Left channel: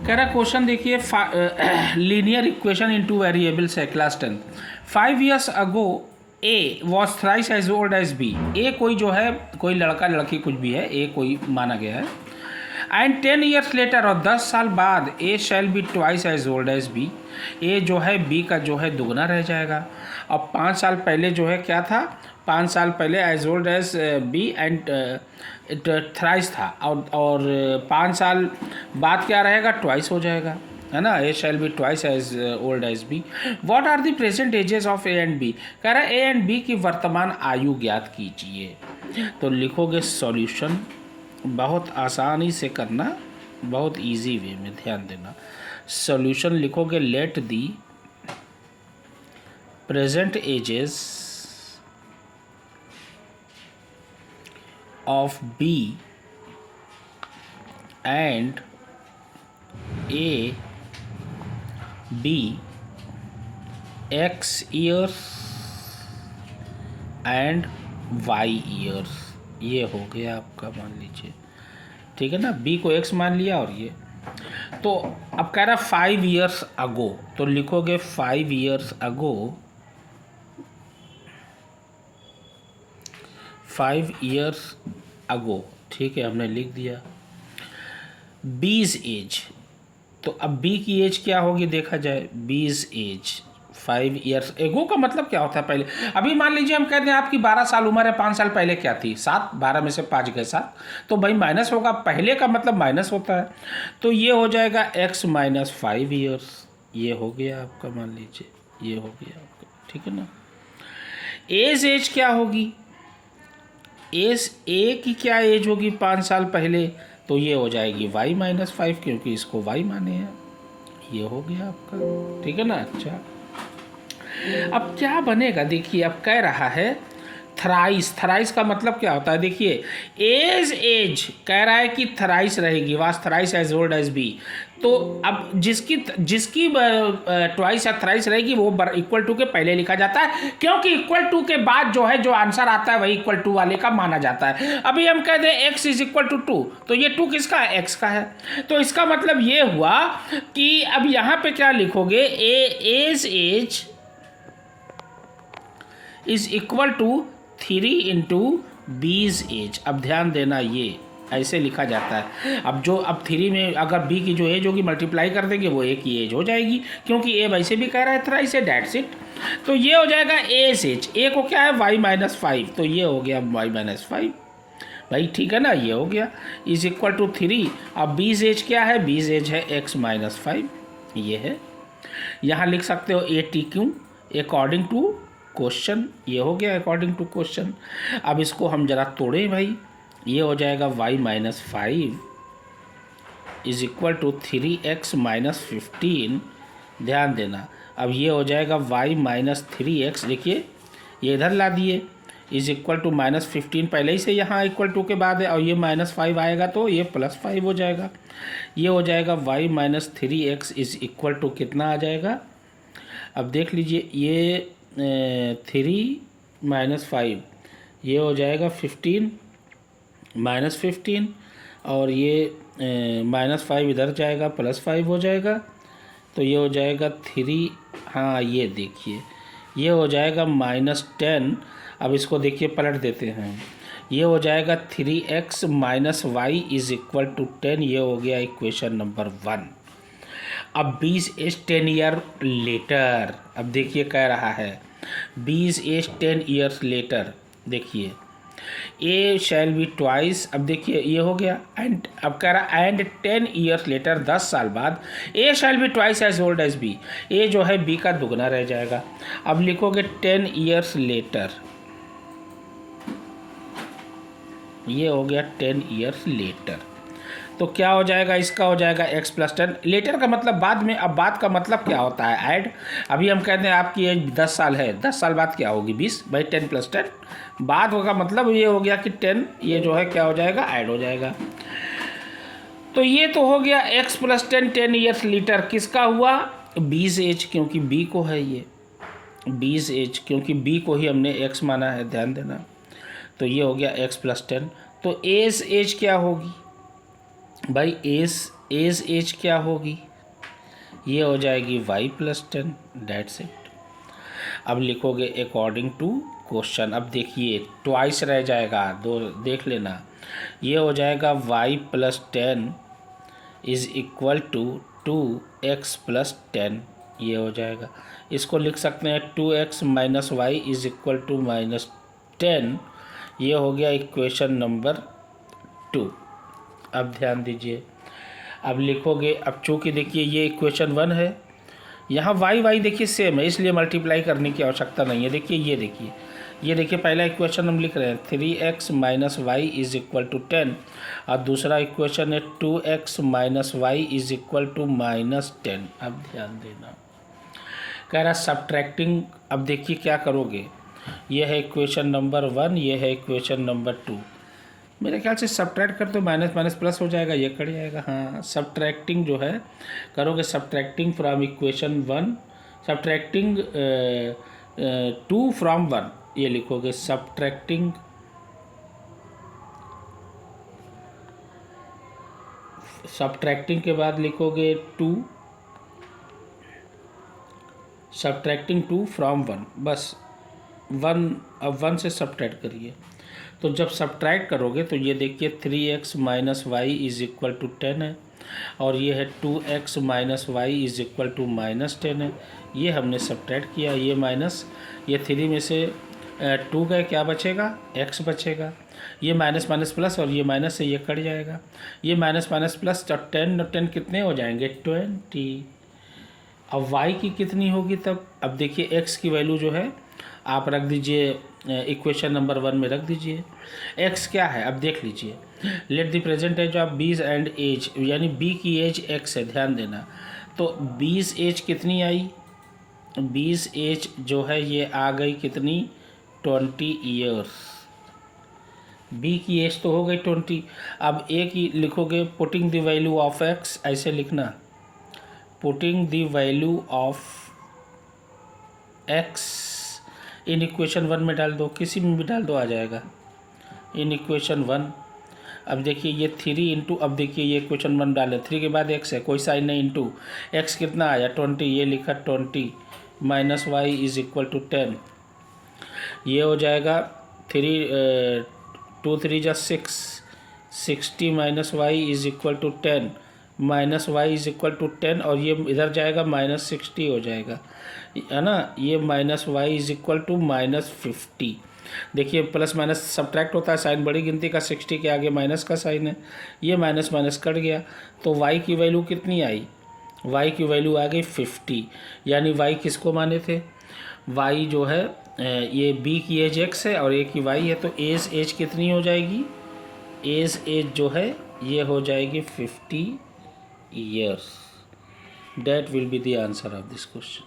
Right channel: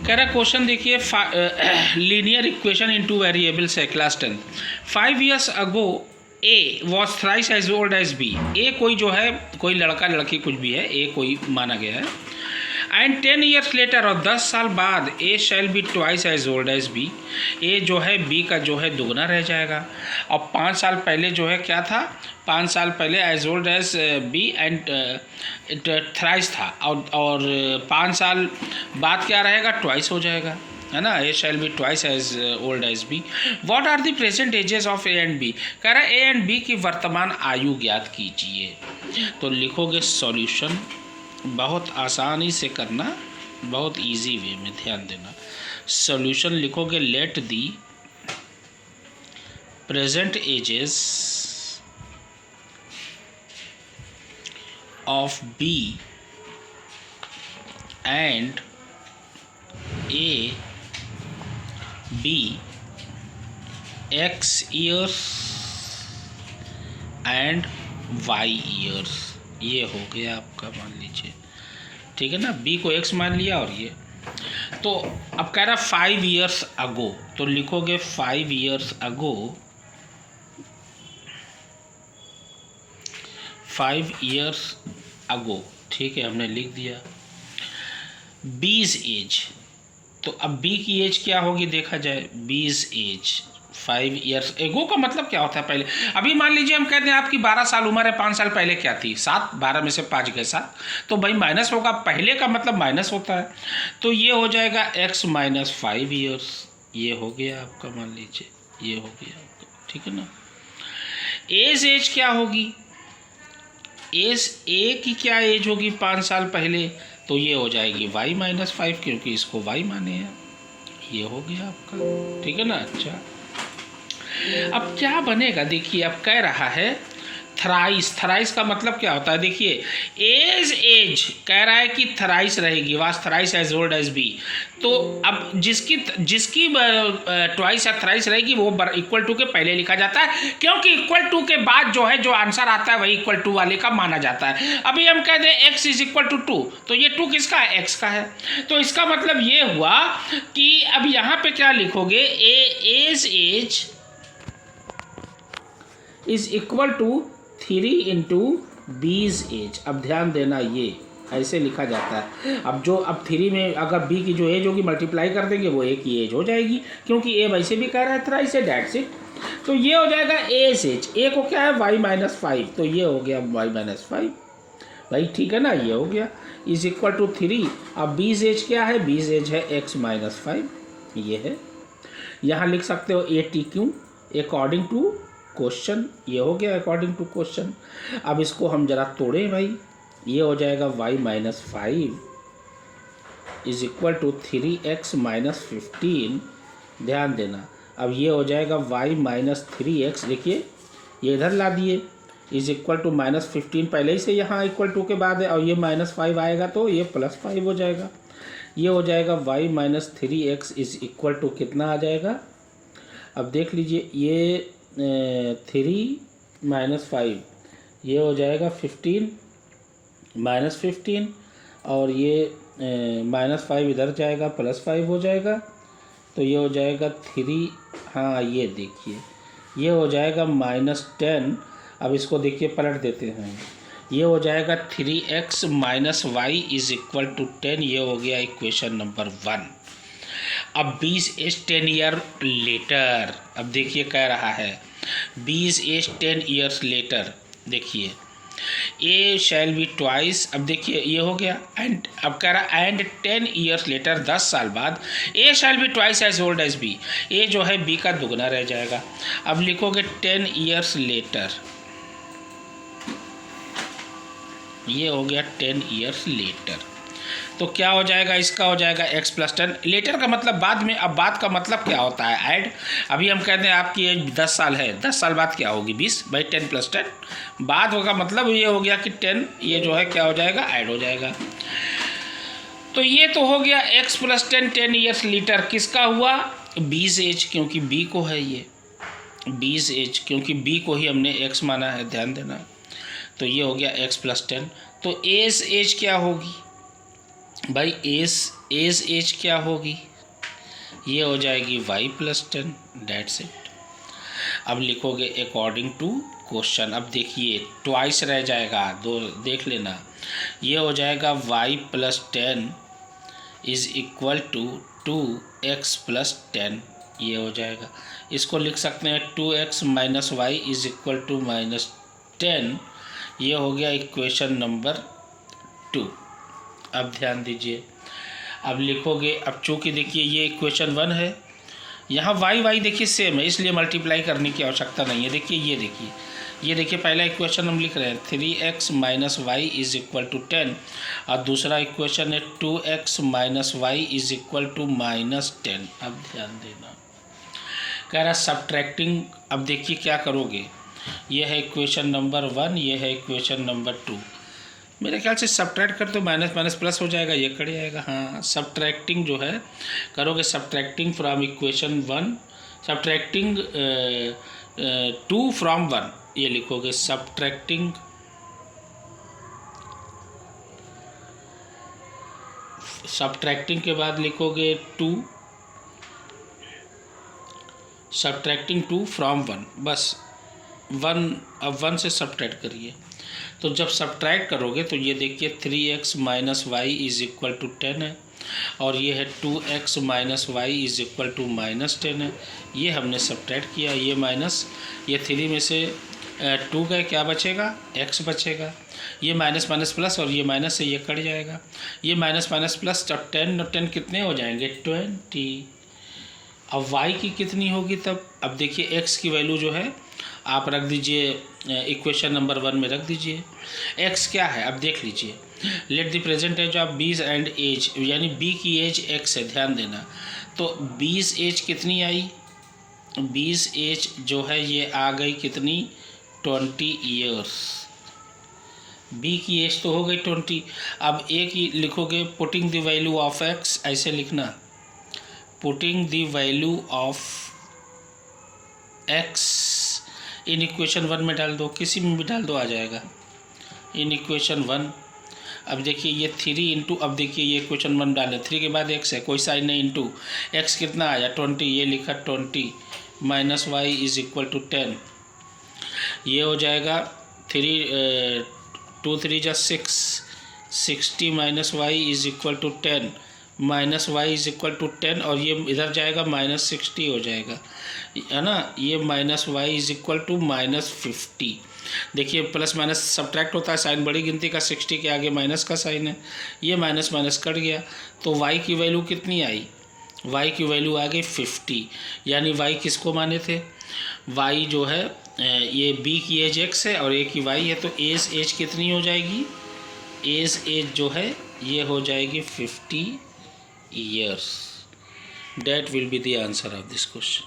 कह रहा क्वेश्चन देखिए, लीनियर इक्वेशन इनटू वेरिएबल्स है, class 10। 5 years ago A was thrice as old as B. A कोई जो है, कोई लड़का लड़की कुछ भी है, ए कोई माना गया है। एंड 10 years लेटर, और 10 साल बाद A shall be twice as old as B. A जो है बी का जो है दुगना रह जाएगा। अब 5 साल पहले जो है क्या था, 5 साल पहले as old as B and thrice था, और 5 साल बाद क्या रहेगा, ट्वाइस हो जाएगा, है ना। A shall be twice as old as B. What are the present ages of A and B. कह रहा है ए एंड बी की वर्तमान आयु ज्ञात कीजिए। तो लिखोगे सॉल्यूशन, बहुत आसानी से करना, बहुत इजी वे में, ध्यान देना। सॉल्यूशन लिखोगे, let the present ages of B and A be X years and Y years। ये हो गया आपका, मान लीजिए, ठीक है ना। B को X मान लिया, और ये तो अब कह रहा 5 years अगो, तो लिखोगे 5 years अगो, 5 years अगो, ठीक है, हमने लिख दिया। बीज एज, तो अब बी की एज क्या होगी देखा जाए। बीज एज 5 years एगो का मतलब क्या होता है पहले। अभी मान लीजिए हम कहते हैं आपकी 12 साल उम्र है, 5 साल पहले क्या थी, 7। 12 में से 5 गए 7, तो भाई माइनस होगा, पहले का मतलब माइनस होता है। तो ये हो जाएगा x माइनस 5 years। ये हो गया आपका, मान लीजिए ये हो गया आपका, ठीक है ना। एज क्या होगी, एज ए की क्या एज होगी 5 साल पहले, तो ये हो जाएगी y माइनस 5, क्योंकि इसको y माने हैं। ये हो गया आपका, ठीक है ना। अच्छा, अब क्या बनेगा देखिए, अब कह रहा है थ्राइस। थ्राइस का मतलब क्या होता है देखिए, एज कह रहा है कि थ्राइस रहेगी, was thrice as old as B. तो अब जिसकी ट्वाइस या थ्राइस रहेगी वो इक्वल टू के पहले लिखा जाता है, क्योंकि इक्वल टू के बाद जो है जो आंसर आता है वही इक्वल टू वाले का माना जाता है। अभी हम कह दें x इज इक्वल टू 2, तो ये 2 किसका है, x का है। तो इसका मतलब ये हुआ कि अब यहाँ पे क्या लिखोगे, age is equal to 3 into B's age. अब ध्यान देना, ये ऐसे लिखा जाता है। अब 3 में अगर बी की जो एज होगी मल्टीप्लाई कर देंगे, वो ए की एज हो जाएगी, क्योंकि ए वैसे भी कह रहा है थ्राइस है, डेट्स इट। तो ये हो जाएगा एज, ए को क्या है y माइनस 5, तो ये हो गया y माइनस 5 भाई, ठीक है ना। ये हो गया इज इक्वल टू 3। अब बीज एज क्या है, बीज एज है x माइनस 5, ये है। यहाँ लिख सकते हो A T Q according to question. ये हो गया अकॉर्डिंग टू क्वेश्चन। अब इसको हम जरा तोड़ें भाई, ये हो जाएगा y minus 5 is equal to 3x minus 15। ध्यान देना, अब ये हो जाएगा y माइनस 3x, देखिए ये इधर ला दिए, इज इक्वल टू माइनस 15 पहले ही से यहाँ इक्वल टू के बाद है, और ये माइनस 5 आएगा तो ये प्लस 5 हो जाएगा। ये हो जाएगा y minus 3x is equal to कितना आ जाएगा। अब देख लीजिए, ये 3 माइनस 5, ये हो जाएगा 15 माइनस 15, और ये माइनस 5 इधर जाएगा, प्लस 5 हो जाएगा, तो ये हो जाएगा 3। हाँ, ये देखिए ये हो जाएगा माइनस 10। अब इसको देखिए पलट देते हैं, ये हो जाएगा 3x minus y is equal to 10। ये हो गया इक्वेशन नंबर 1। अब 20 एज 10 ईयर लेटर, अब देखिए कह रहा है 20 एज 10 ईयर्स लेटर, देखिए ए शैल बी ट्वाइस। अब देखिए ये हो गया, एंड अब कह रहा एंड 10 ईयर्स लेटर, 10 साल बाद A shall be twice as old as B. A जो है बी का दुगना रह जाएगा। अब लिखोगे 10 ईयर्स लेटर, ये हो गया 10 ईयर्स लेटर। तो क्या हो जाएगा, इसका हो जाएगा x प्लस 10। लेटर का मतलब बाद में। अब बाद का मतलब क्या होता है, ऐड। अभी हम कहते हैं आपकी एज 10 साल है, 10 साल बाद क्या होगी 20, भाई 10 प्लस 10। बाद का मतलब ये हो गया कि 10, ये जो है क्या हो जाएगा, ऐड हो जाएगा। तो ये तो हो गया x प्लस 10 10 ईयर्स लेटर, किसका हुआ, बीज एज, क्योंकि बी को है ये बीज एज, क्योंकि बी को ही हमने x माना है, ध्यान देना। तो ये हो गया x प्लस 10। तो एज क्या होगी, भाई एज एज क्या होगी, ये हो जाएगी y+10, डेट्स इट। अब लिखोगे अकॉर्डिंग टू क्वेश्चन। अब देखिए ट्वाइस रह जाएगा, दो देख लेना। ये हो जाएगा y+10 is equal to 2x+10, ये हो जाएगा। इसको लिख सकते हैं 2x - y is equal to -10, ये हो गया इक्वेशन नंबर 2। अब ध्यान दीजिए, अब लिखोगे, अब चूँकि देखिए ये इक्वेशन 1 है, यहाँ y देखिए सेम है, इसलिए मल्टीप्लाई करने की आवश्यकता नहीं है। देखिए ये देखिए पहला इक्वेशन हम लिख रहे हैं 3x - y is equal to 10, और दूसरा इक्वेशन है 2x - y is equal to -10। अब ध्यान देना, कह रहा सब्ट्रैक्टिंग। अब देखिए क्या करोगे, ये है इक्वेशन नंबर 1, ये है इक्वेशन नंबर 2। मेरे ख्याल से सब्ट्रैक्ट कर तो माइनस माइनस प्लस हो जाएगा, ये कट जाएगा। हाँ, सब्ट्रैक्टिंग जो है करोगे, subtracting from equation 1, subtracting 2 from 1, ये लिखोगे सब्ट्रैक्टिंग के बाद लिखोगे 2, सब्ट्रैक्टिंग 2 फ्रॉम 1, बस 1। अब 1 से सब्ट्रैक्ट करिए, तो जब सब्ट्रैक्ट करोगे तो ये देखिए 3x - y is equal to 10 है, और ये है 2x - y is equal to -10 है। ये हमने सब्ट्रैक्ट किया, ये माइनस, ये 3 में से 2 गए, क्या बचेगा, x बचेगा। ये माइनस माइनस प्लस, और ये माइनस से ये कट जाएगा। ये माइनस माइनस प्लस, जब 10 और 10 कितने हो जाएंगे, 20। अब y की कितनी होगी तब, अब देखिए x की वैल्यू जो है आप रख दीजिए इक्वेशन नंबर 1 में रख दीजिए। x क्या है, अब देख लीजिए, let the present age of B's and A's, यानी b की एज x है, ध्यान देना। तो 20 एज कितनी आई, 20 एज जो है ये आ गई कितनी, 20 ईयर्स। b की एज तो हो गई 20। अब a की लिखोगे, putting the value of x, ऐसे लिखना, putting the value of x in equation 1 में डाल दो, किसी में भी डाल दो, आ जाएगा इन इक्वेशन 1। अब देखिए ये 3 इंटू, अब देखिए ये इक्वेशन 1 डाले, 3 के बाद x है, कोई साइन नहीं, इंटू x कितना आया 20, ये लिखा 20 - y इज़ इक्वल टू 10, ये हो जाएगा 3 2 3 जा 6, 60 - y is equal to 10, -y is equal to 10, और ये इधर जाएगा -60 हो जाएगा, है ना। ये -y इज़ इक्वल टू -50। देखिए प्लस माइनस सब्ट्रैक्ट होता है, साइन बड़ी गिनती का, 60 के आगे माइनस का साइन है, ये माइनस माइनस कट गया, तो y की वैल्यू कितनी आई, y की वैल्यू आ गई 50। यानी y किसको माने थे, y जो है ये b की एज x है और a की y है, तो एज कितनी हो जाएगी, एज जो है ये हो जाएगी 50 years. That will be the answer of this question.